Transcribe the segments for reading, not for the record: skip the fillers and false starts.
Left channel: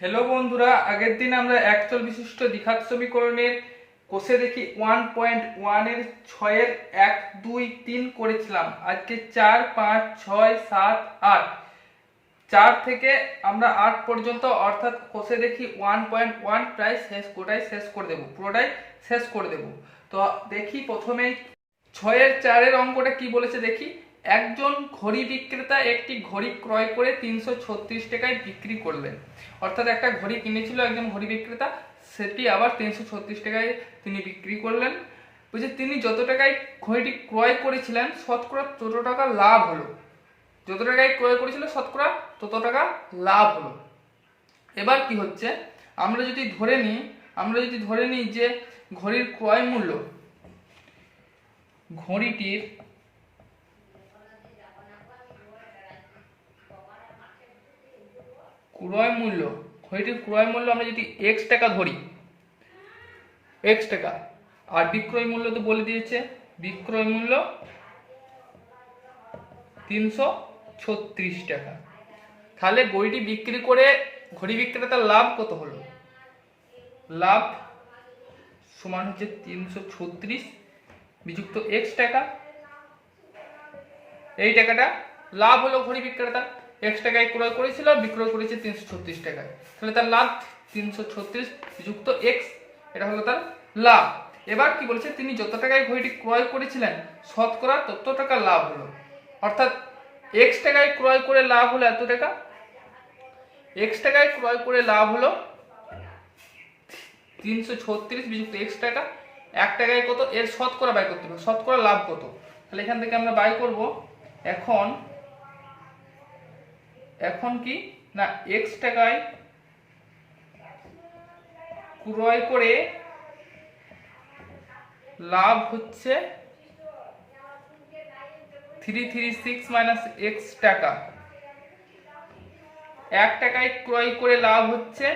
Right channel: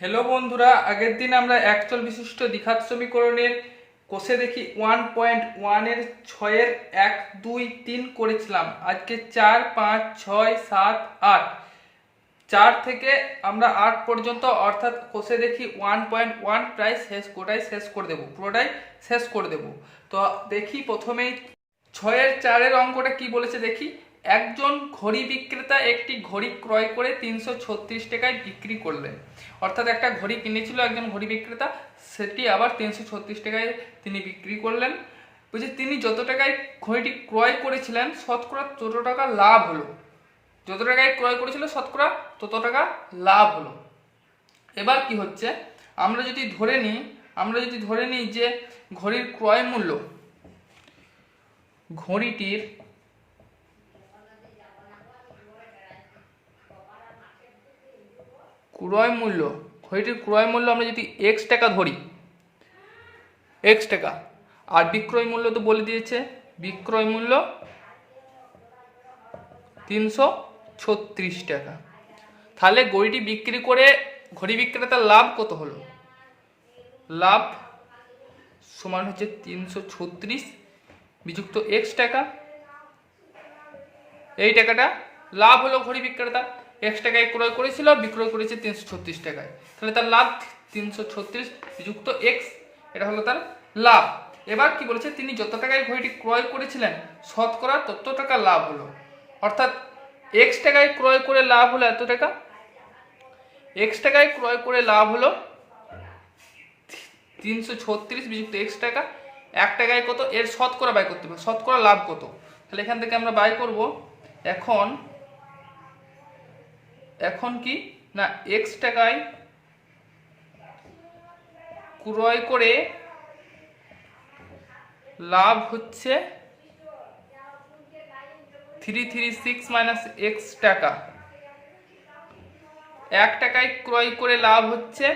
Hello বন্ধুরা, আগের দিন আমরা একচল বিশিষ্ট দ্বিঘাত সমীকরণের কোষে দেখি 1.1 এর 6 এর 1 2 3 করেছিলাম। আজকে 4 5 6 7 8 4 থেকে আমরা 8 পর্যন্ত অর্থাৎ কোষে দেখি 1.1 প্রায় পুরোটাই শেষ করে দেব। তো দেখি প্রথমেই 6 এর 4 এর অঙ্কটা কি বলেছে দেখি। একজন ঘড়ি বিক্রেতা একটি ঘড়ি ক্রয় করে 336 টাকায় বিক্রি করলেন। অর্থাৎ একটা ঘড়ি কিনেছিল একজন ঘড়ি বিক্রেতা, সেটি আবার 336 টাকায় তিনি বিক্রি করলেন। বুঝে তিনি যত টাকায় ঘড়িটি ক্রয় করেছিলেন শতকরা তত টাকা লাভ হলো। যত টাকায় ক্রয় করেছিল শতকরা তত টাকা লাভ হলো। এবার কি হচ্ছে, আমরা যদি ধরে নিই যে ঘড়ির ক্রয় মূল্য, ঘড়িটির ক্রয় মূল্য আমরা যদি এক্স টাকা ধরি, এক্স টাকা, আর বিক্রয় মূল্য তো বলে দিয়েছে, বিক্রয় মূল্য 336 টাকা। তাহলে ঘড়িটি বিক্রি করে ঘড়ি বিক্রেতার লাভ কত হলো? লাভ সমান হচ্ছে 336 বিযুক্ত এক্স টাকা। এই টাকাটা লাভ হলো ঘড়ি বিক্রেতা, এক্স টাকায় ক্রয় করেছিল, বিক্রয় করেছে 336 টাকায়। তাহলে তার লাভ 336 যুক্ত এক্স, এটা হলো তার লাভ। এবার কি বলেছে, তিনি যত টাকায় ঘড়িটি ক্রয় করেছিলেন শতকরা তত টাকা লাভ হলো। অর্থাৎ এক্স টাকায় ক্রয় করে লাভ হলো এত টাকা, এক্স টাকায় ক্রয় করে লাভ হলো 336 বিযুক্ত এক্স টাকা। 1 টাকায় কত, এর শতকরা বাই করতে হবে, শতকরা লাভ কত। তাহলে এখান থেকে আমরা বাই করব। এখন কি না, এক্স টাকায় ক্রয় করে লাভ হচ্ছে 336 মাইনাস এক্স টাকা। 1 টাকায় ক্রয় করে লাভ হচ্ছে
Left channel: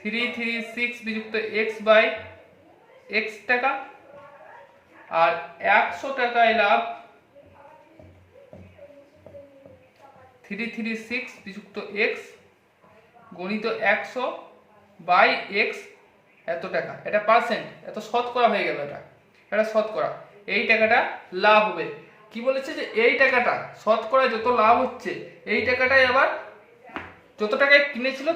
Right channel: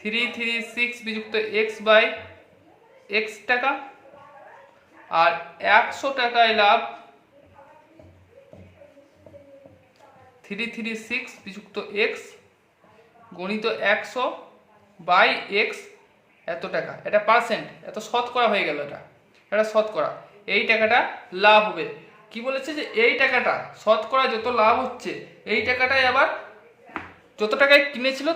336 বিযুক্ত এক্স বাই এক্স টাকা। আর 100 টাকায় লাভ 336 বিযুক্ত এক্স গণিত 100 বাই এক্স এত টাকা। এটা পার্সেন্ট, এত শতকরা হয়ে গেল, এটা শতকরা। এই টাকাটা লাভ হবে। কি বলেছে যে এই টাকাটা শতকরা যত লাভ হচ্ছে, এই টাকাটাই আবার যত টাকায় কিনেছিল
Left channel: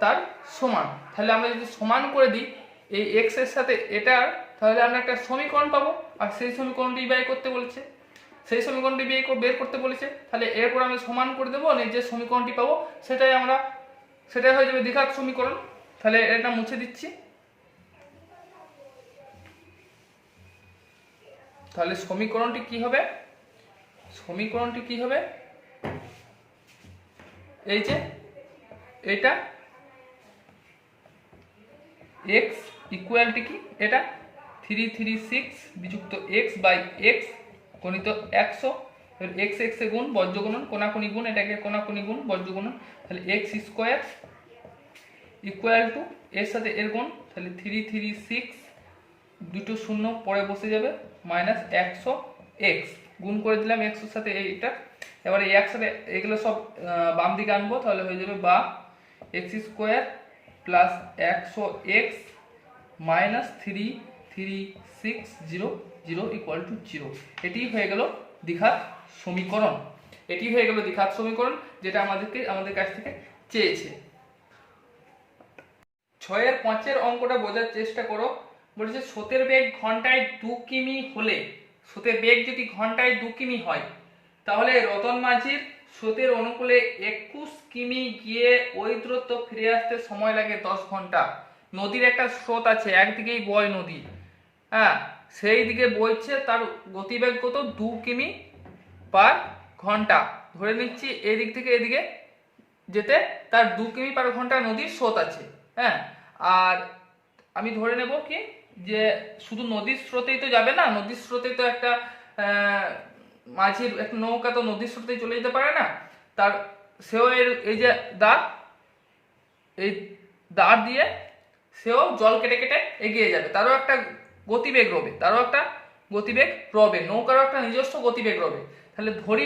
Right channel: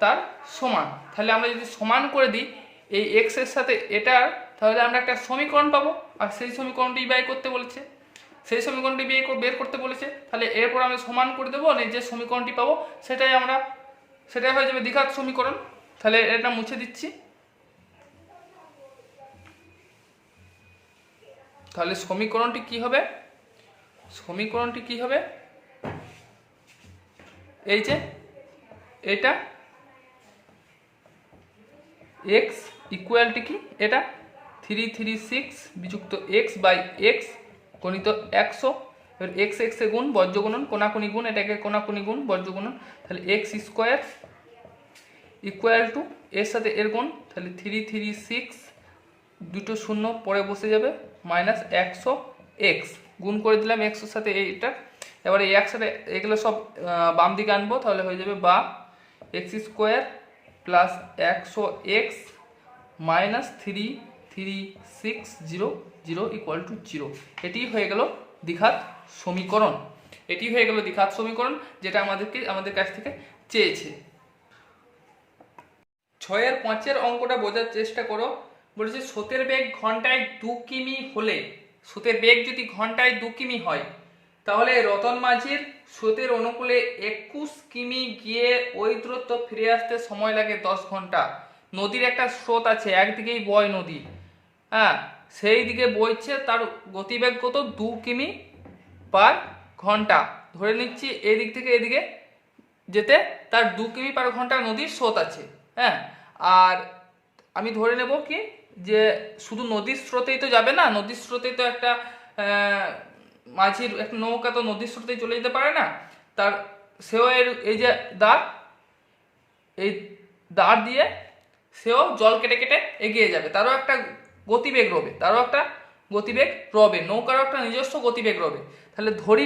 তার সমান, তাহলে আমরা যদি সমান করে দিই এই এক্স এর সাথে এটা, তাহলে আমরা একটা সমীকরণ পাবো। আর সেই সমীকরণটি বের করতে বলেছে, তাহলে এরপর আমি সমান করে দেবো, যে সমীকরণটি পাবো সেটাই হয়ে যাবে দ্বিঘাত সমীকরণ। তাহলে এটা মুছে দিচ্ছি। তাহলে সমীকরণটি কি হবে, এই যে এটা x ইকুয়ালটি কি, এটা 336 বিযুক্ত x বাই x গণিত 100। এবার এক্স এ গুণ, বর্জ্য গুণন, কোনাকুনি গুণ, এটাকে কোনাকুনি গুণ, বর্জ্য গুণন। তাহলে এক্স স্কোয়ার ইকুয়াল টু এর সাথে এর গুণ, তাহলে 336 দুটো শূন্য পরে বসে যাবে মাইনাস 100 এক্স গুণ করে দিলাম এক্স এর সাথে এইটা। এবার এই একসাথে এগুলো সব বাম দিকে আনবো, তাহলে হয়ে যাবে বা x square plus 100 x minus 33600 equal to 0। এটি হয়ে গেল দ্বিঘাত সমীকরণ, যেটা আমাদের কাছ থেকে চেয়েছে। 6 এর 5 এর অঙ্কটা বোঝার চেষ্টা করো। বলেছে স্রোতের বেগ ঘন্টায় 2 কিমি হলে, স্রোতের বেগ যদি ঘন্টায় 2 কিমি হয়, তাহলে রতন মাঝির স্রোতের অনুকূলে 21 কিমি গিয়ে ওই দূরত্ব ফিরে আসতে সময় লাগে 10 ঘন্টা। নদীর একটা স্রোত আছে, একদিকেই বয় নদী, হ্যাঁ, সেই দিকে বইছে, তার গতিবেগ কত, 2 কিমি পার ঘন্টা। ধরে নিচ্ছি এই দিক থেকে এদিকে যেতে তার 2 কিমি পার ঘন্টা নদীর স্রোত আছে, হ্যাঁ। আর আমি ধরে নেব কি, যে শুধু নদীর স্রোতেই তো যাবে না, নদীর স্রোতেই তো একটা মাঝির একটা নৌকা তো নদীর স্রোতেই চলে যেতে পারে না, তার সেও এই যে এই দাঁড় দিয়ে সেও জল কেটে কেটে এগিয়ে যাবে, তারও একটা গতিবেগ রবে, নৌকারও একটা নিজস্ব গতিবেগ রবে। তাহলে ধরি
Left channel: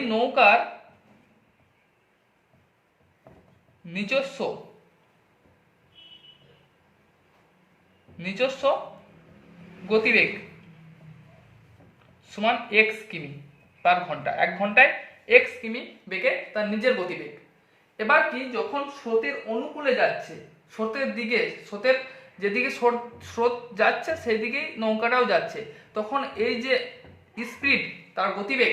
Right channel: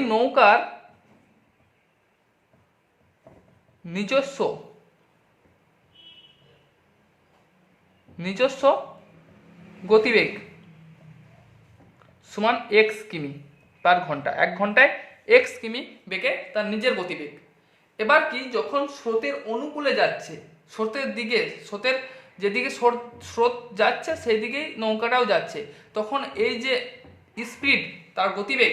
নিজস্ব গতিবেগ সমান এক্স কিমি পার ঘন্টা, 1 ঘন্টায় এক্স কিমি বেগে তার নিজের গতিবেগ। এবার কি, যখন স্রোতের অনুকূলে যাচ্ছে, স্রোতের যেদিকে স্রোত যাচ্ছে সেই দিকেই নৌকাটাও যাচ্ছে, তখন এই যে স্পিড তার গতিবেগ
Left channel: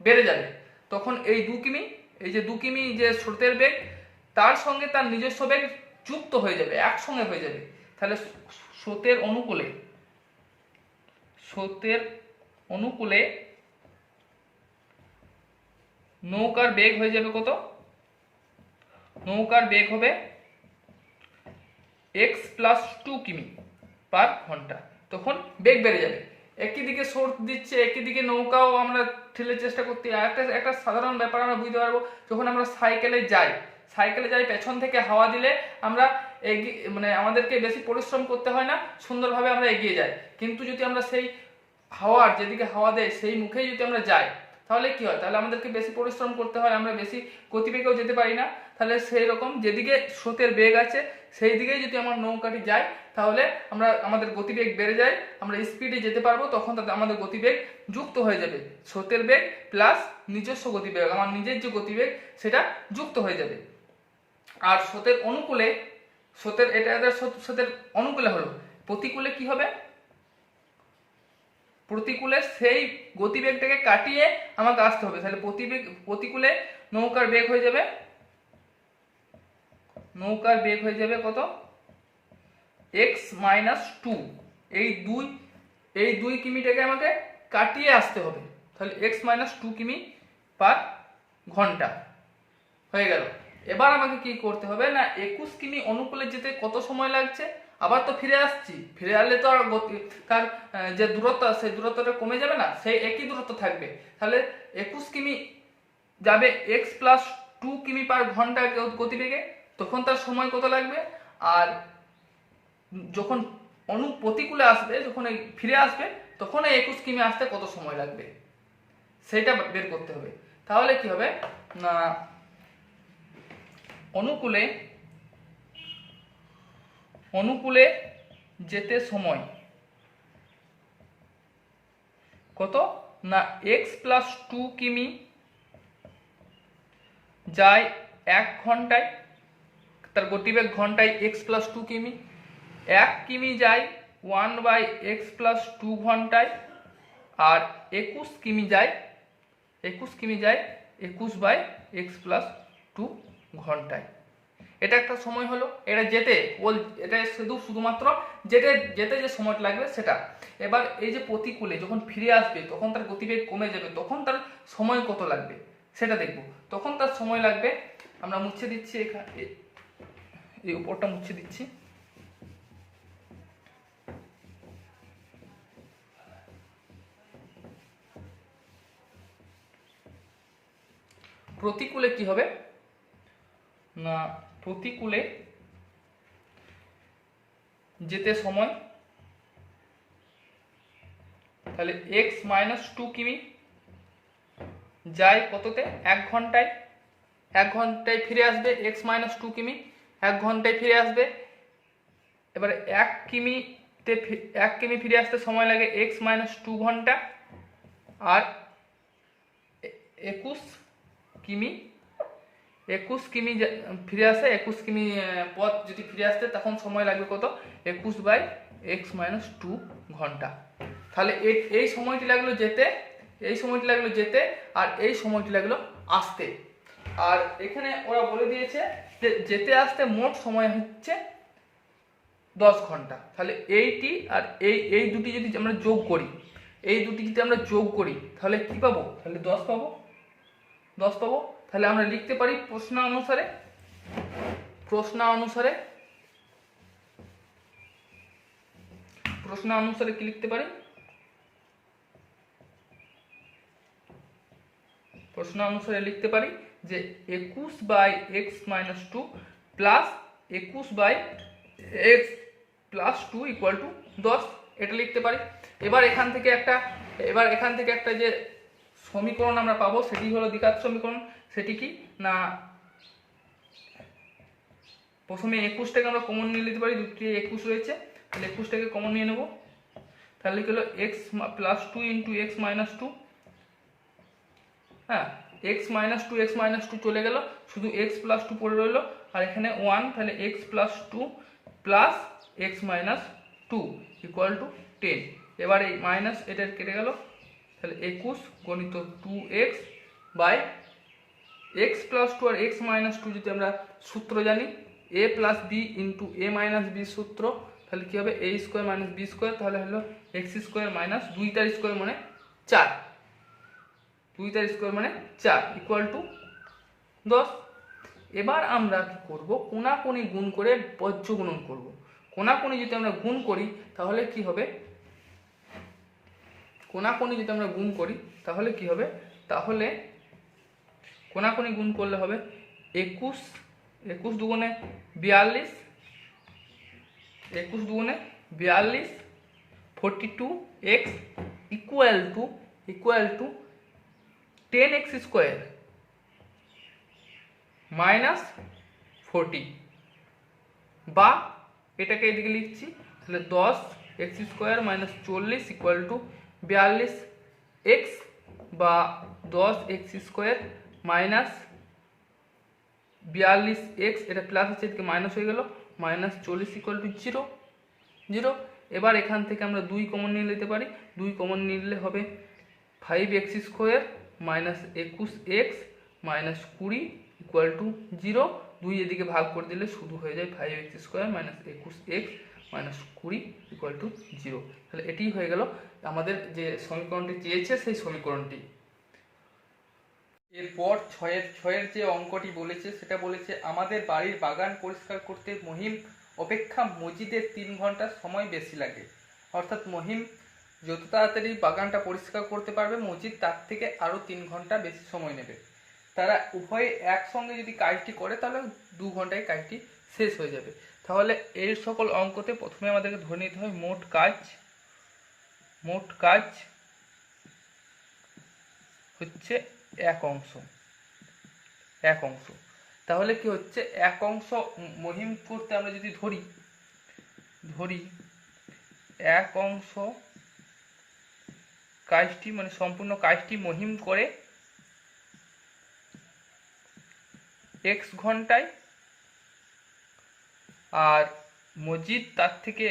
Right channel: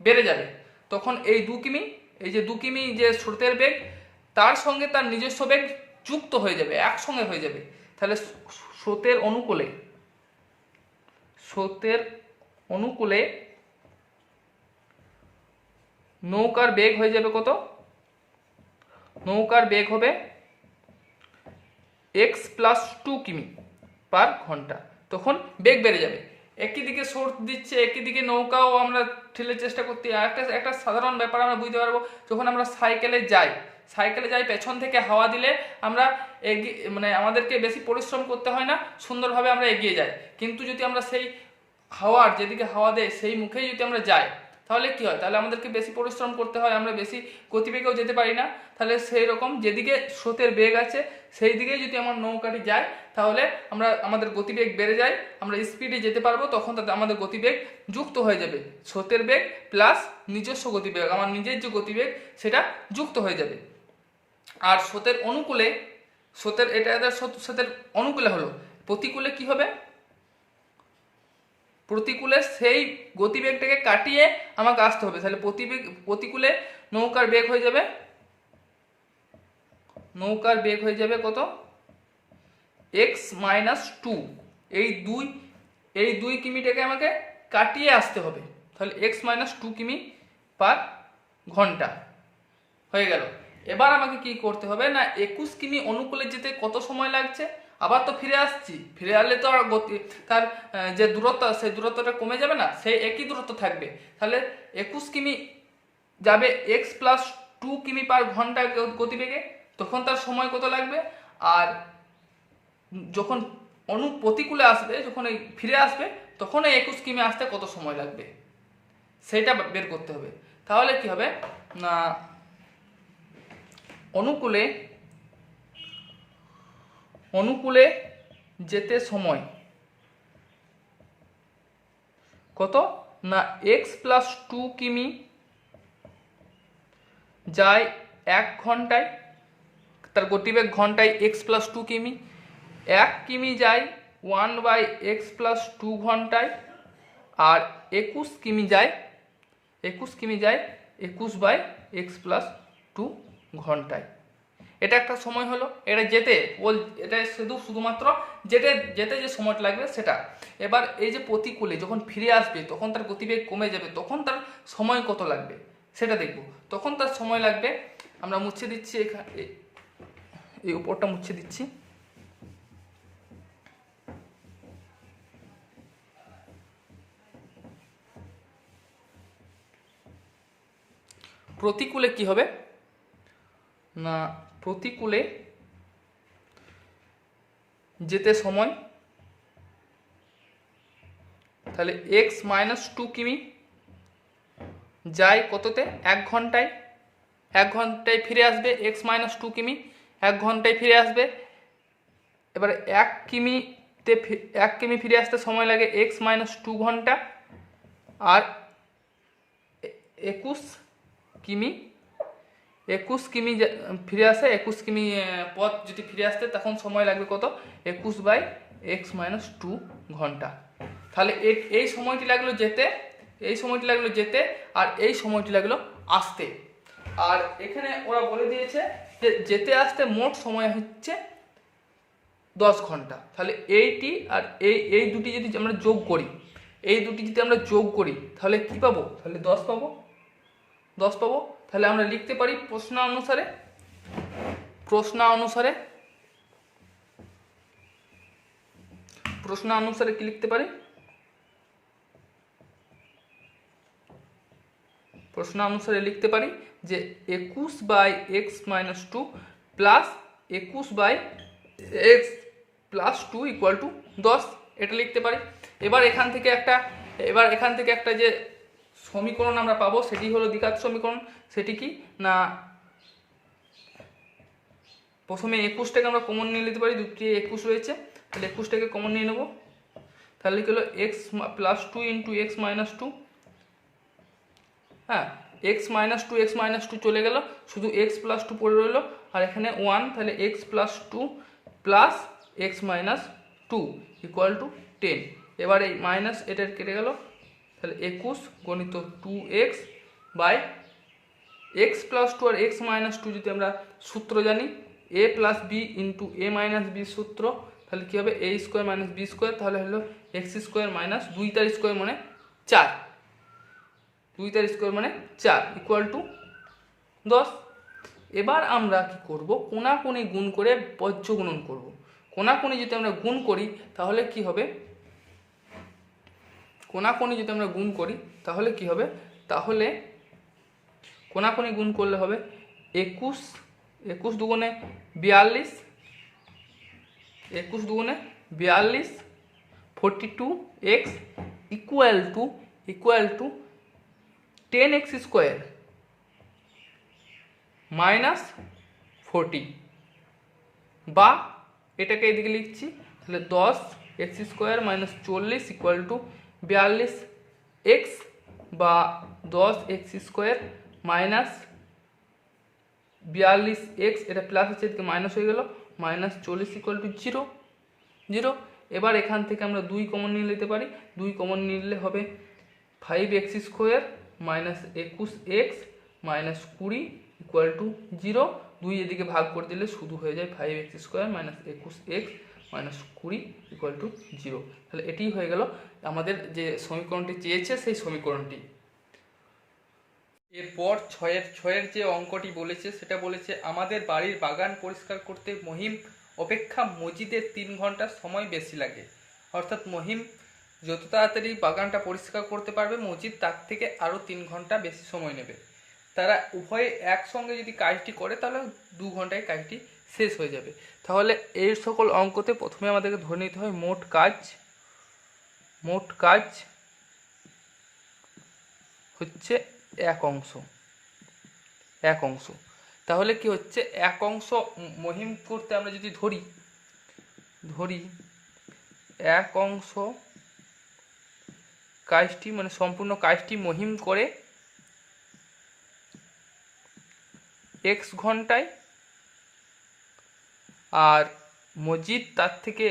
বেড়ে যাবে। তখন এই 2 কিমি, এই যে 2 কিমি যে স্রোতের বেগ, তার সঙ্গে তার নিজস্ব বেগ যুক্ত হয়ে যাবে, একসঙ্গে হয়ে যাবে। তাহলে স্রোতের অনুকূলে নৌকার বেগ হয়ে যাবে কত? নৌকার বেগ হবে x প্লাস 2 কিমি পার ঘন্টা। তখন বেগ বেড়ে যাবে, একই দিকে স্রোত দিচ্ছে, একই দিকে নৌকাও আমরা ঠেলে চেষ্টা করতে। একটা সাধারণ ব্যাপার আমরা বুঝতে পারবো, যখন আমরা সাইকেলে যাই পেছন থেকে হাওয়া দিলে আমরা মানে আমাদেরকে বেশি পরিশ্রম করতে হয় না, সুন্দরভাবে আমরা এগিয়ে যাই। কিন্তু যদি আমরা সেই হাওয়ার যেদিকে হাওয়া দেয় সেই মুখেই যদি আমরা যাই, তাহলে কি হয়? তাহলে আমাদেরকে বেশি পরিশ্রম করতে হয়, আমরা বেশি গতিবেগেও যেতে পারি না। তাহলে সেই রকম যেদিকে স্রোতের বেগ আছে সেই দিকেই যদি আমার নৌকাটি যায়, তাহলে আমাদের গতিবেগ বেড়ে যায়, আমরা স্পিডে যেতে পারবো। তখন তাতে আমাদের গতিবেগ যুক্ত হয়ে যাবে, স্রোতের বেগ প্লাস নিজস্ব গতিবেগ, আমার নিজের যে গতিবেগ সেটা যুক্ত হয়ে যাবে। আর স্রোতের অনুকূলে হলো, প্রতিকূলে কি হবে? প্রতিকূলে সেই গতিবেগটাকে কাটিয়ে আমাকে আসতে হবে। তাহলে প্রতিকূলে নৌকার বেগ হয়ে যাবে কত? x minus 2। এই 2 কিমিটাকে আমাকে কাটিয়ে আসতে হবে, তাহলে x মাইনাস 2 কিমি পার ঘন্টা হয়ে গেল। এবার আমাকে কি করতে হবে না, 21 কিমি অনুকূলে যেতে কত সময় লাগছে? আবার তো ফিরে আসছি, ফিরে আসলে তো আর তার যে দূরত্ব সেই দূরত্বটা কমে যাবে না, সেই একই দূরত্ব থাকবে। তাহলে 21 কিমি যাবে x প্লাস 2 কিমি পার ঘন্টা গতিবেগে, তখন তার সময় কত লাগবে? আর যখন প্রতিকূলে আসবে, যখন এই ফিরে আসবে, তখন এই 21 কিমি আসতে কত সময় লাগবে সেটা বের করতে হবে। তাহলে কি হবে না, অনুকূলে যেতে সময় কত না, x প্লাস 2 কিমি যায় 1 ঘন্টায়, তার গতিবেগ ঘন্টায় x প্লাস 2 কিমি। 1 কিমি যায় 1/x প্লাস 2 ঘন্টায়, আর 21 কিমি যায় 21/x প্লাস 2 ঘন্টায়। এটা একটা সময় হলো, এটা শুধুমাত্র যেতে যে সময়টা লাগবে সেটা। এবার এই যে প্রতিকূলে যখন ফিরে আসবে, তখন তার গতিবেগ কমে যাবে, তখন তার সময় কত লাগবে সেটা দেখব। তখন তার সময় লাগবে, আমরা মুছে দিচ্ছি, এই উপরটা মুছে দিচ্ছি। প্রতিকূলে কি হবে না, প্রতিকূলে যেতে সময়, তাহলে x মাইনাস 2 কিমি যায় কততে? 1 ঘন্টায়। 1 ঘন্টায় ফিরে আসবে, x মাইনাস 2 কিমি 1 ঘন্টায় ফিরে আসবে। এবার 1 কিমি ফিরে আসতে সময় লাগে x মাইনাস 2 ঘন্টা। আর 21 কিমি ফিরে আসে, 21 কিমি পথ যদি ফিরে আসতে, তখন সময় লাগবে কত? 21/x মাইনাস 2 ঘন্টা। তাহলে এই সময়টি লাগলো যেতে, আর এই সময়টি লাগলো আসতে। আর এখানে ওরা বলে দিয়েছে যে যেতে আসতে মোট সময় হচ্ছে 10 ঘন্টা। তাহলে এইটি আর এই দুটি যদি আমরা যোগ করি, তাহলে কি পাবো? তাহলে 10 পাবো। তাহলে আমরা লিখতে পারি প্রশ্ন অনুসারে কি লিখতে পারি? প্রশ্ন অনুসারে লিখতে পারি যে 21/x minus 2 plus 21/x plus 2 equal to 10, এটা লিখতে পারি। এবার এখান থেকে একটা যে সমীকরণ আমরা পাবো সেটি হলো দ্বিঘাত সমীকরণ। সেটি কি না, প্রথমে 21টাকে আমরা কমন নিয়ে নিতে পারি, দুটি 21 রয়েছে, তাহলে 21টাকে কমন নিয়ে নেব। তাহলে কি হলো x plus 2 into x minus 2, হ্যাঁ x minus two x minus 2 চলে গেল, শুধু এক্স প্লাস 2 পড়ে রইলো, আর এখানে 1, তাহলে x plus 2 plus x minus 2 equal to 10। এবার এই মাইনাস এটা কেটে গেল, তাহলে 21 গণিত 2x বাই এক্স প্লাস 2 আর এক্স মাইনাস 2 যদি আমরা সূত্র জানি a plus b into a minus b সূত্র, তাহলে কী হবে a square minus b square, তাহলে হলো এক্স স্কোয়ার মাইনাস 2 স্কোয়ার মানে 4, 2 স্কোয়ার মানে 4 ইকুয়াল টু 10। এবার আমরা কি করব, কোনাকুনি গুণ করে বজ্র গুণন করব। কোনাকুনি যদি আমরা গুণ করি তাহলে কি হবে, কোনাকুনি যদি আমরা গুণ করি তাহলে কি হবে, তাহলে কোনাকুনি গুণ করলে হবে 21, 21 দুগুণে 42, 21 দুগুণে 42, 42x equal to 10x square minus 40, বা এটাকে এদিকে লিখছি, তাহলে 10x square minus 40 equal to 42x, বা 10x স্কোয়ার মাইনাস 42x, এটা প্লাস আছে এদিকে মাইনাস হয়ে গেল, মাইনাস 40 ইকুয়াল টু 0। এবার এখান থেকে আমরা 2 কমন নিয়ে নিতে পারি, 2 কমন নিলে হবে 5x square minus 21x minus 20 equal to 0। 2 এদিকে ভাগ করে দিলে শুধু হয়ে যায় 5x square minus 21x minus 20 equal to 0। তাহলে এটি হয়ে গেল আমাদের যে সমীকরণটি চেয়েছে সেই সমীকরণটি। এরপর ছয়ের যে অঙ্কটি বলেছে সেটা বলেছে আমাদের বাড়ির বাগান পরিষ্কার করতে মহিম অপেক্ষা মজিদের 3 ঘন্টা সময় বেশি লাগে। অর্থাৎ মহিম যত তাড়াতাড়ি বাগানটা পরিষ্কার করতে পারবে, মজিদ তার থেকে আরও 3 ঘন্টা বেশি সময় নেবে। তারা উভয়ে একসঙ্গে যদি কাজটি করে তাহলে 2 ঘন্টায় কাজটি শেষ হয়ে যাবে। তাহলে এই সকল অঙ্কতে প্রথমে আমাদেরকে ধরে নিতে হয় মোট কাজ হচ্ছে এক অংশ। তাহলে কি হচ্ছে, এক অংশ মহিম করতে আমরা যদি ধরি এক অংশ কাজটি মানে সম্পূর্ণ কাজটি মহিম করে x ঘন্টায়, আর মজিদ তার থেকে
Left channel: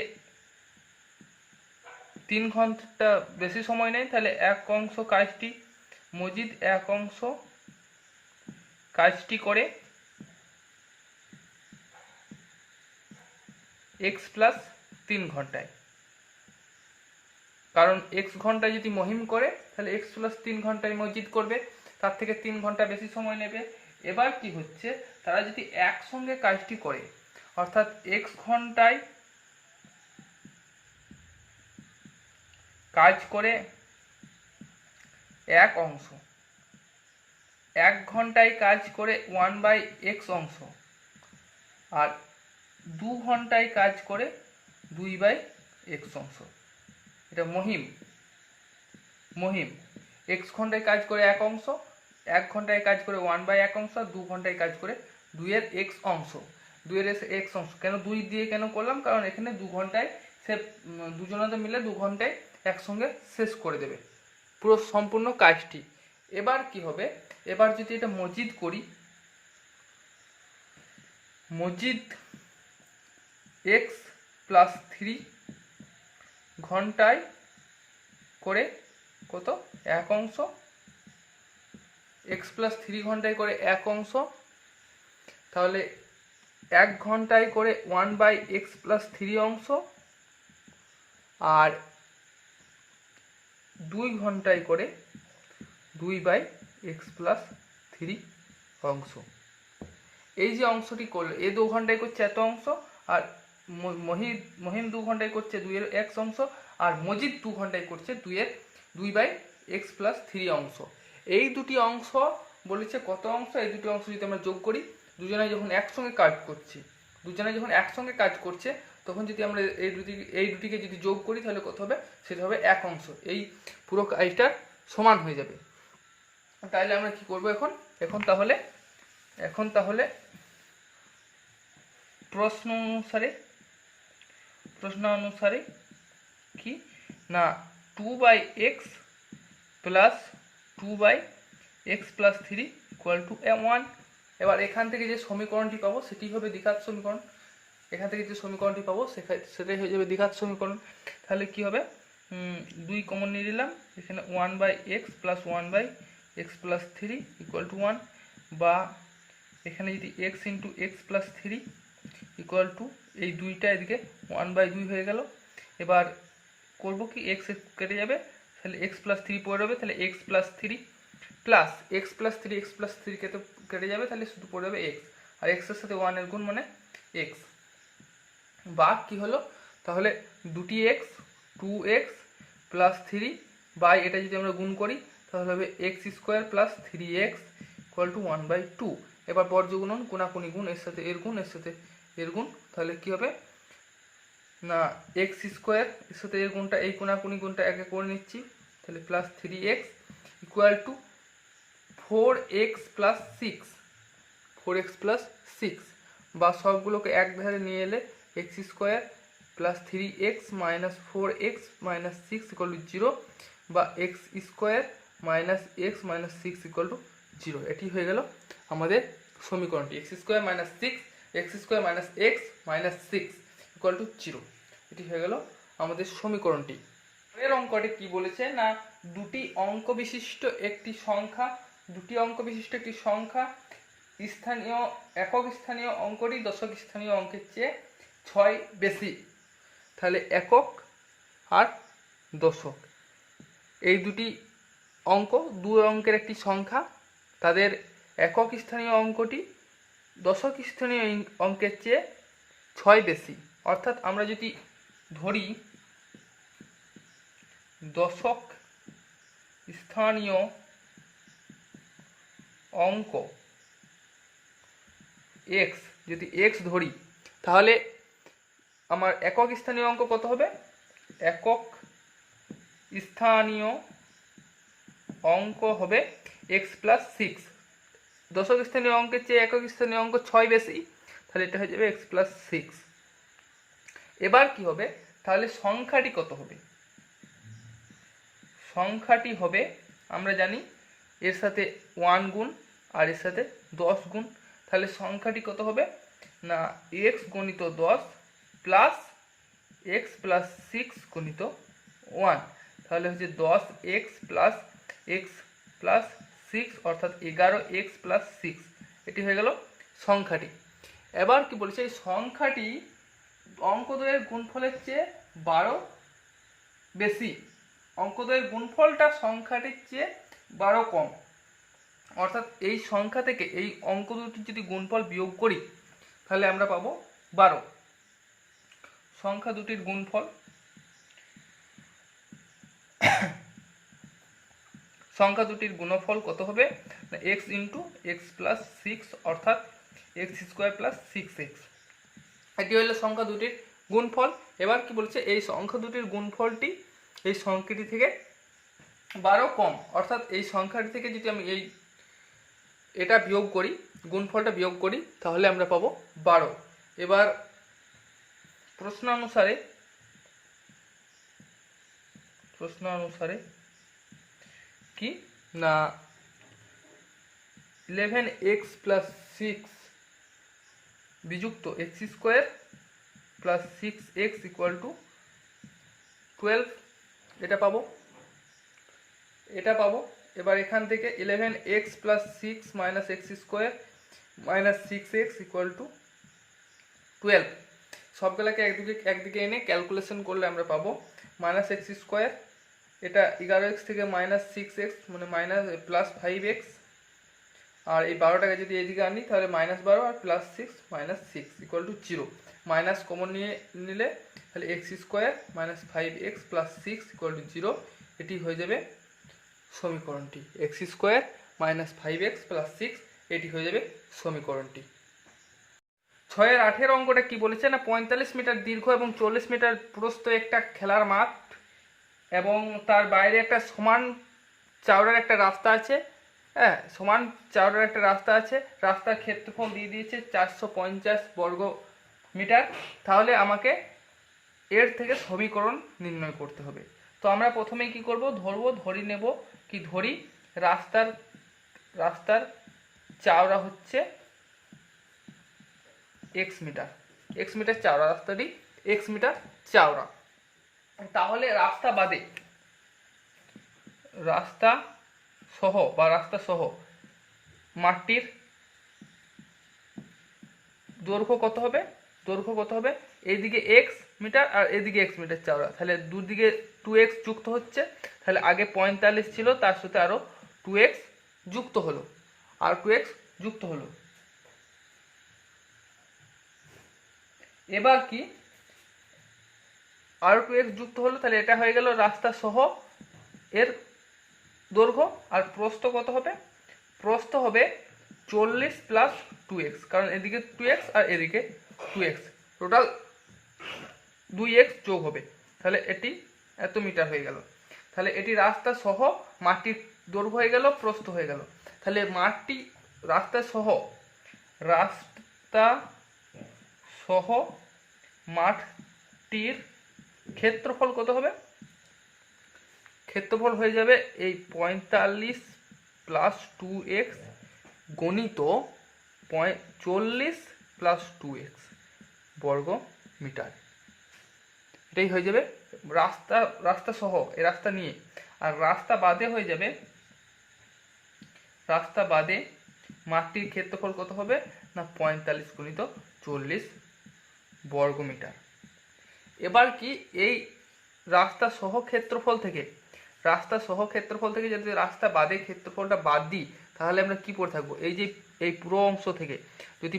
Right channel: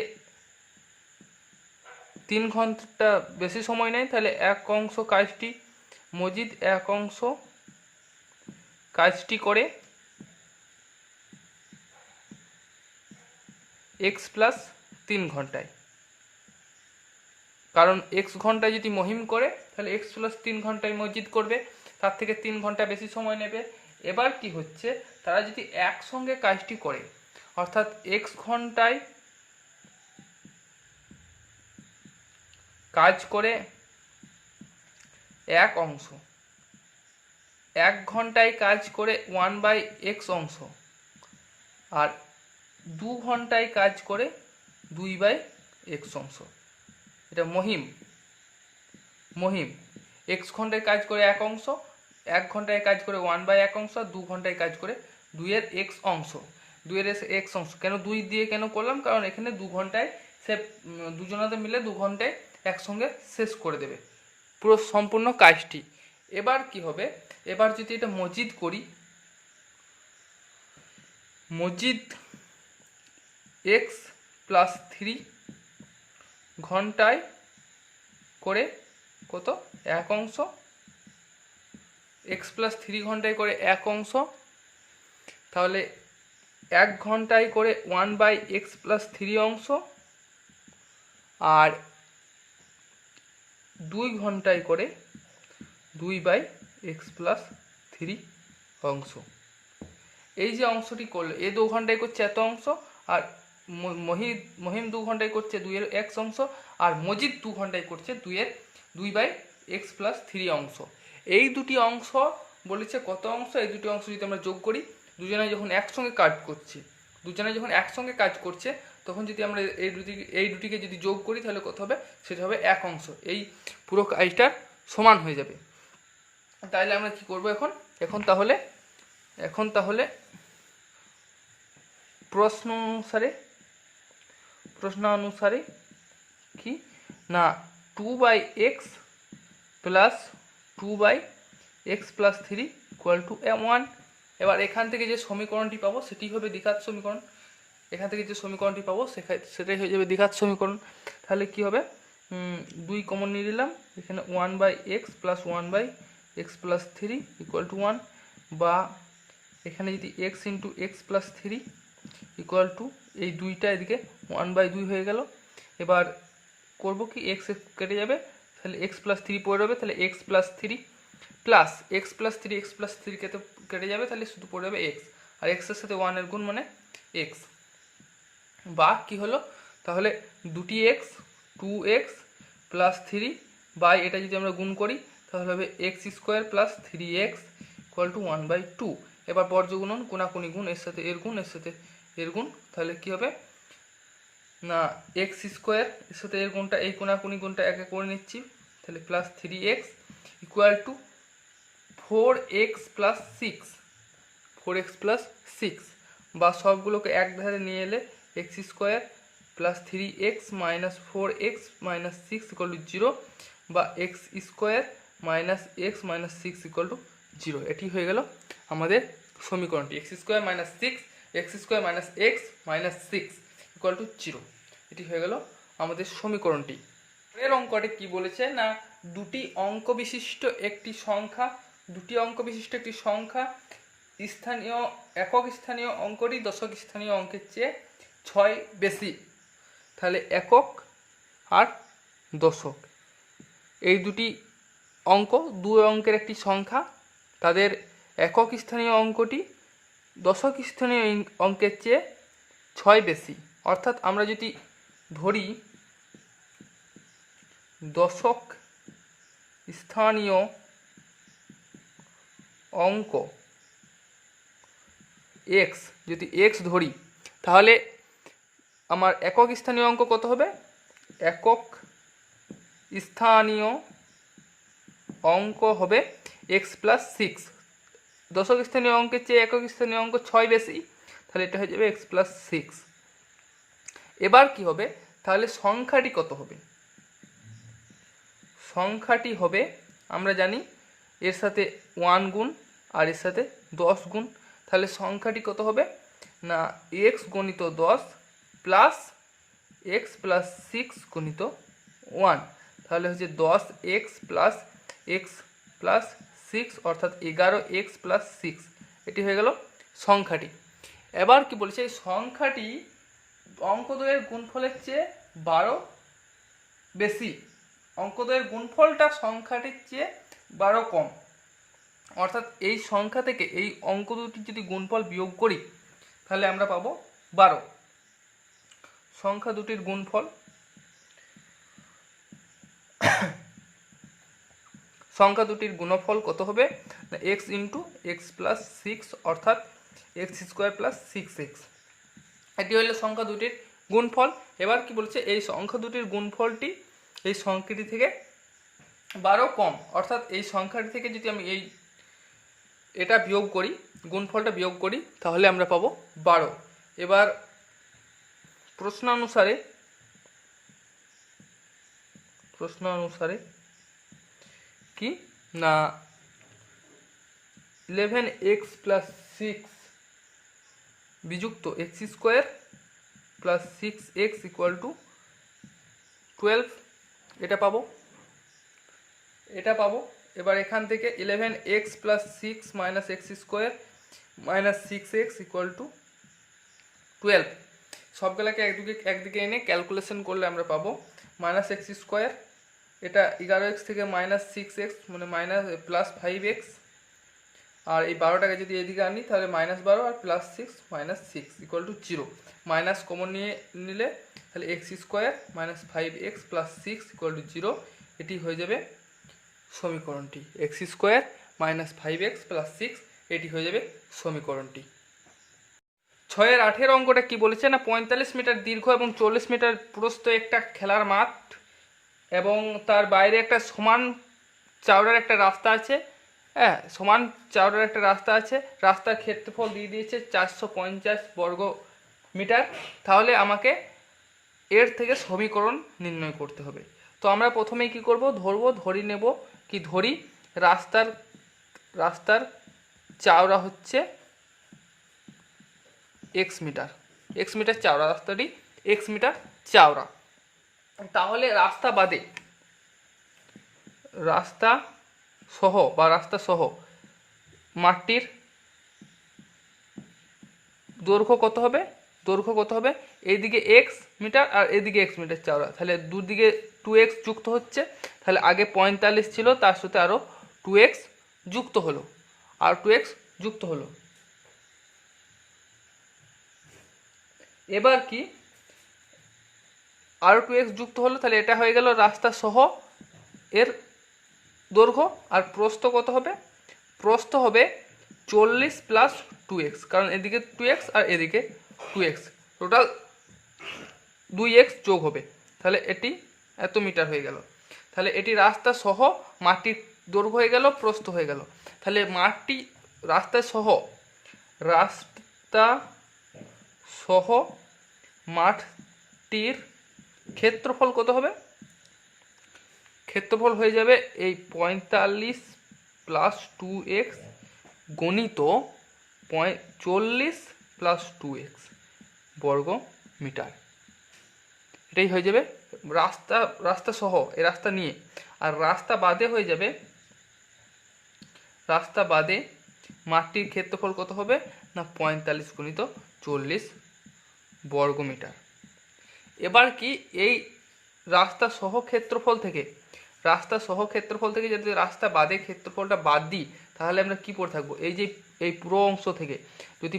3 ঘন্টা বেশি সময় নেয়, তাহলে এক অংশ কাজটি মজিদ এক অংশ কাজটি করে x প্লাস 3 ঘন্টায়। কারণ x ঘন্টায় যদি মহিম করে তাহলে x প্লাস 3 ঘন্টায় মসজিদ করবে, তার থেকে 3 ঘন্টা বেশি সময় নেবে। এবার কি হচ্ছে, তারা যদি একসঙ্গে কাজটি করে, অর্থাৎ x ঘন্টায় কাজ করে এক অংশ, 1 ঘন্টায় কাজ করে 1/x অংশ, আর 2 ঘন্টায় কাজ করে 2/x অংশ। এটা মহিম x ঘন্টায় কাজ করে 1 অংশ, 1 ঘন্টায় কাজ করে 1/1 অংশ, 2 ঘন্টায় কাজ করে 2/x অংশ। 2/x অংশ কেন 2 দিয়ে কেন করলাম, কারণ এখানে 2 ঘন্টায় সে দুজনাতে মিলে 2 ঘন্টায় একসঙ্গে শেষ করে দেবে পুরো সম্পূর্ণ কাজটি। এবার কি হবে, এবার যদি এটা মজিদ করি, মজিদ x প্লাস 3 ঘন্টায় করে কত 1 অংশ, x প্লাস 3 ঘন্টায় করে 1 অংশ, তাহলে 1 ঘন্টায় করে 1/x প্লাস 3 অংশ, আর 2 ঘন্টায় করে 2/x প্লাস 3 অংশ। এই যে অংশটি করলো, এ 2 ঘন্টায় করছে এত অংশ, আর মহিম 2 ঘন্টায় করছে 2/x অংশ, আর মজিদ 2 ঘন্টায় করছে 2/x প্লাস 3 অংশ। এই দুটি অংশ বলেছে কত অংশ, এই দুটি অংশ যদি আমরা যোগ করি, দুজনে যখন একসঙ্গে কাজ করছে তখন যদি আমরা এই দুটিকে যদি যোগ করি তাহলে কত হবে, সেটা হবে 1 অংশ। এই পুরো কাজটা সমান হয়ে যাবে। তাহলে আমরা কি করব এখন তাহলে প্রশ্ন অনুসারে কি না 2/x plus 2/x+3 equal to 1। এবার এখান থেকে যে সমীকরণটি পাবো সেটি হবে দ্বিঘাত সমীকরণ। এখান থেকে যে সমীকরণটি পাবো সেটাই হয়ে যাবে দ্বিঘাত সমীকরণ। তাহলে কি হবে, 2 কমন নিয়ে নিলাম, এখানে 1/x plus 1/x+3 equal to 1, বা এখানে যদি x into x+3 equal to এই 2টা এদিকে 1/2 হয়ে গেল। এবার করব কি, x কেটে যাবে, তাহলে x+3 পড়ে যাবে, তাহলে x+3 প্লাস x+3 কেটে যাবে, তাহলে শুধু পড়ে যাবে x, আর x এর সাথে 1 এর গুণ মানে x, বা কি হলো, তাহলে দুটি x 2x প্লাস 3 বাই এটা যদি আমরা গুণ করি তাহলে হবে x² plus 3x equal to 1/2। এবার বর্জ্য গুণন, কোনাকুনি গুণ, এর সাথে এর গুণ, এর সাথে এর গুণ, তাহলে কি হবে না x² এর সাথে এর গুণটা, এই কোনাকুনি গুণটা একে করে নিচ্ছি, তাহলে plus 3x equal to 4x+6, বা সবগুলোকে এক ধারে নিয়ে এলে x² plus 3x minus 4x minus 6 equal to 0, বা x² minus x minus 6 equal to 0। এটি হয়ে গেল আমাদের সমীকরণটি, x² minus 6 x² minus x minus 6 equal to 0। এটি হয়ে গেল আমাদের সমীকরণটি। এর অঙ্কটি কি বলেছে না দুটি অঙ্ক বিশিষ্ট একটি সংখ্যা স্থানীয় একক স্থানীয় অঙ্কটি দশক স্থানীয় অঙ্কের চেয়ে 6 বেশি। তাহলে একক আর দশক এই দুটি অঙ্ক, দুই অঙ্কের একটি সংখ্যা, তাদের একক স্থানীয় অঙ্কটি দশক স্থানীয় অঙ্কের চেয়ে 6 বেশি। অর্থাৎ আমরা যদি ধরি দশক স্থানীয় অঙ্ক x, যদি x ধরি তাহলে আমার একক স্থানীয় অঙ্ক কত হবে, একক স্থানীয় অঙ্ক হবে x+6। দশক স্থানীয় অঙ্কের চেয়ে একক স্থানীয় অঙ্ক 6 বেশি, তাহলে এটা হয়ে যাবে x+6। এবার কি হবে, তাহলে সংখ্যাটি কত হবে, সংখ্যাটি হবে আমরা জানি এর সাথে 1 গুণ আর এর সাথে 10 গুণ, তাহলে সংখ্যাটি কত হবে না x গণিত 10 প্লাস x প্লাস 6 গণিত 1, তাহলে হচ্ছে 10x প্লাস x প্লাস 6 অর্থাৎ 11x প্লাস 6। এটি হয়ে গেল সংখ্যাটি। এবার কি বলেছে, এই সংখ্যাটি অঙ্ক দ্বয়ের গুণফলের চেয়ে 12 বেশি, অঙ্ক দ্বয়ের গুণফলটা সংখ্যাটির চেয়ে 12 কম। অর্থাৎ এই সংখ্যা থেকে এই অঙ্ক দুটির যদি গুণফল বিয়োগ করি তাহলে আমরা পাবো 12। সংখ্যা দুটির গুণফল, সংখ্যা দুটির গুণফল কত হবে, x ইন্টু এক্স প্লাস 6 অর্থাৎ x² প্লাস 6x। এটি হলো সংখ্যা দুটির গুণফল। এবার কি বলছে, এই সংখ্যা দুটির গুণফলটি এই সংখ্যাটি থেকে 12 কম, অর্থাৎ এই সংখ্যাটি থেকে যদি আমি এটা বিয়োগ করি, গুণফলটা বিয়োগ করি, তাহলে আমরা পাবো 12। এবার প্রশ্ন অনুসারে কি না 11x plus 6 বিযুক্ত x² plus 6x equal to 12, এটা পাবো। এবার এখান থেকে 11x plus 6 minus x² minus 6x equal to 12, সবগুলোকে একদিকে এনে ক্যালকুলেশন করলে আমরা পাবো মাইনাস x², এটা 11x থেকে মাইনাস 6x মানে মাইনাস প্লাস 5x, আর এই 12টাকে যদি এদিকে আনি তাহলে -12 আর +6 -6 ইকুয়াল টু 0। মাইনাস কমন নিলে তাহলে x² -5x + 6 ইকুয়াল টু 0। এটি হয়ে যাবে সমীকরণটি, x² -5x + 6, এটি হয়ে যাবে সমীকরণটি। 6-এর 8-এর অঙ্কটা কি বলেছে না 45 মিটার দীর্ঘ এবং 40 মিটার প্রস্থ একটা খেলার মাঠ এবং তার বাইরে একটা সমান চওড়ার একটা রাস্তা আছে। হ্যাঁ, সমান চওড়ার একটা রাস্তা আছে। রাস্তার ক্ষেত্রফল দিয়ে দিয়েছে 450 বর্গ মিটার। তাহলে আমাকে এর থেকে সমীকরণ নির্ণয় করতে হবে। তো আমরা প্রথমেই কি করব, ধরি রাস্তার চওড়া হচ্ছে এক্স মিটার চওড়া, রাস্তাটি এক্স মিটার চওড়া। তাহলে রাস্তা সহ মাঠটির দৈর্ঘ্য কত হবে, এইদিকে এক্স মিটার আর এদিকে এক্স মিটার চওড়া, তাহলে দুদিকে 2x যুক্ত হচ্ছে, তাহলে আগে 45 ছিল, তার সাথে আরও 2x যুক্ত হলো। এবার কি আরও 2x যুক্ত হলো, তাহলে এটা হয়ে গেল রাস্তা সহ এর দৈর্ঘ্য। আর প্রস্থ কত হবে, প্রস্থ হবে 40 প্লাস 2x, কারণ এদিকে 2x আর এদিকে 2x, টোটাল 2x যোগ হবে, তাহলে এটি এত মিটার হয়ে গেল। তাহলে এটি রাস্তা সহ মাটির দৈর্ঘ্য হয়ে গেল, প্রস্থ হয়ে গেল। তাহলে রাস্তা সহ মাঠটির ক্ষেত্রফল কত হবে, ক্ষেত্রফল হয়ে যাবে এই 45 প্লাস 2x গণিত 40 প্লাস 2x বর্গ মিটার। এটাই হয়ে যাবে রাস্তা সহ এই রাস্তা নিয়ে। আর রাস্তা বাদে মাঠটির ক্ষেত্রফল কত হবে না 45 গুণিত 40 বর্গ মিটার। এবার কি এই রাস্তা সহ ক্ষেত্রফল থেকে যদি রাস্তা বাদে ক্ষেত্রফলটা বাদ দিই, তাহলে আমরা কি পড়ে থাকবো, এই পুরো অংশ থেকে যদি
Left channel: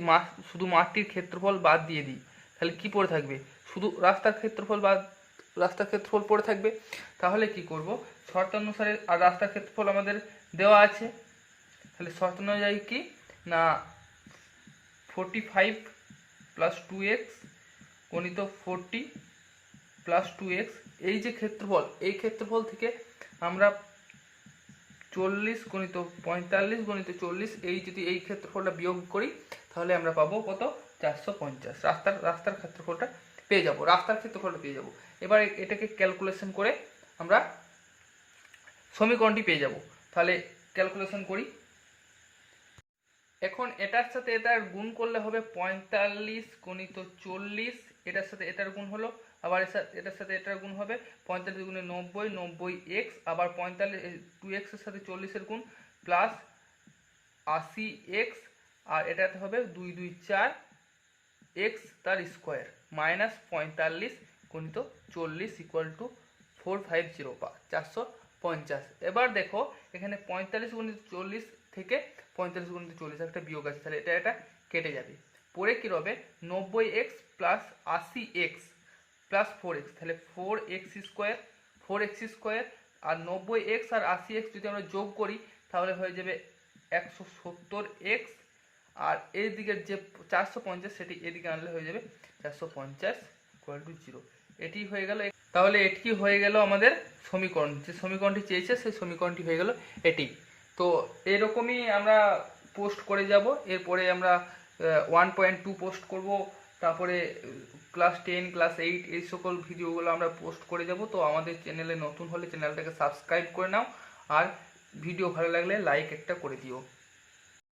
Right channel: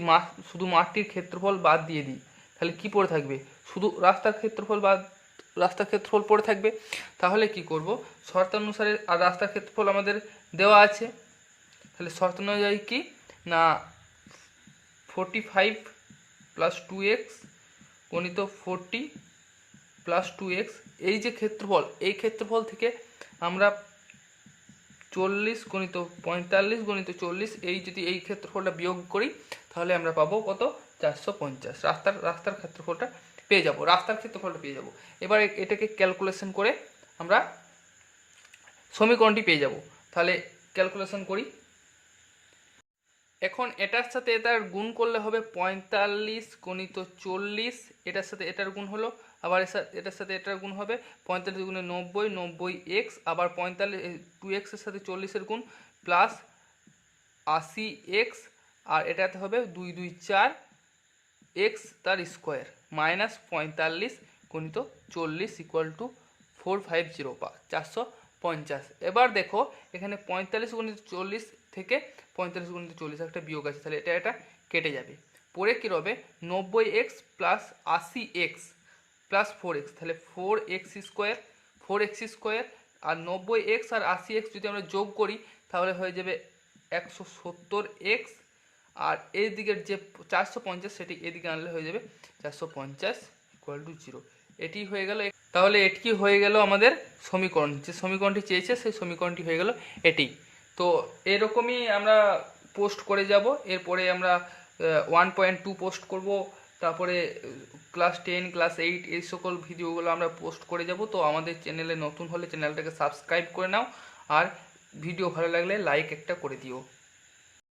শুধু মাঠটির ক্ষেত্রফল বাদ দিয়ে দিই, তাহলে কি পড়ে থাকবে, শুধু রাস্তার ক্ষেত্রফল পড়ে থাকবে। তাহলে কি করব, শর্তানুসারে, আর রাস্তার ক্ষেত্রফল আমাদের দেওয়া আছে, তাহলে শর্তানুযায়ী কি না 45 প্লাস 2x গণিত 40 প্লাস 2x, এই যে ক্ষেত্রফল, এই ক্ষেত্রফল থেকে আমরা 40 গণিত 45 গণিত 40, যদি এই ক্ষেত্রফলটা বিয়োগ করি, তাহলে আমরা পাবো কত, 450। রাস্তার ক্ষেত্রফলটা পেয়ে যাব, এবার এটাকে ক্যালকুলেশন করে আমরা সমীকরণটি পেয়ে যাব। তাহলে ক্যালকুলেশন করি। এখন এটার সাথে এটার গুণ করলে হবে 45 গণিত 40, এটার সাথে এটার গুণ হলো, আবার এটার সাথে এটার গুণ হবে 45 গুণে 90, 90x, আবার 2x এর সাথে 40 এর গুণ প্লাস 80x, আর এটাতে হবে 2 2 4 x তার স্কোয়ার মাইনাস 45 গণিত 40 ইকুয়াল টু 450 450। এবার দেখো এখানে 45 গণিত 40 থেকে 45 গুণিত 40 একটা বিয়োগ আছে, তাহলে এটা কেটে যাবে। পরে কী হবে 90x plus 80x plus 4x, তাহলে 4x স্কোয়ার, আর 90x আর 80x যদি আমরা যোগ করি, তাহলে হয়ে যাবে 170x, আর এই দিকের যে 450 সেটি এদিকে আনলে হয়ে যাবে 450 ইকুয়াল টু 0। এটি হয়ে গেল। তাহলে এটি হয়ে গেল আমাদের সমীকরণ, যে সমীকরণটি চেয়েছে সেই সমীকরণটি হয়ে গেল এটি। তো এরকমই আমরা পোস্ট করে যাব, এরপরে আমরা 1.2 পোস্ট করব, তারপরে ক্লাস 10 ক্লাস 8 এই সকল ভিডিওগুলো আমরা পোস্ট করে যাব। তো আমাদের চ্যানেলে নতুন হলে চ্যানেলটাকে সাবস্ক্রাইব করে নাও, আর ভিডিও ভালো লাগলে লাইক একটা করে দিও।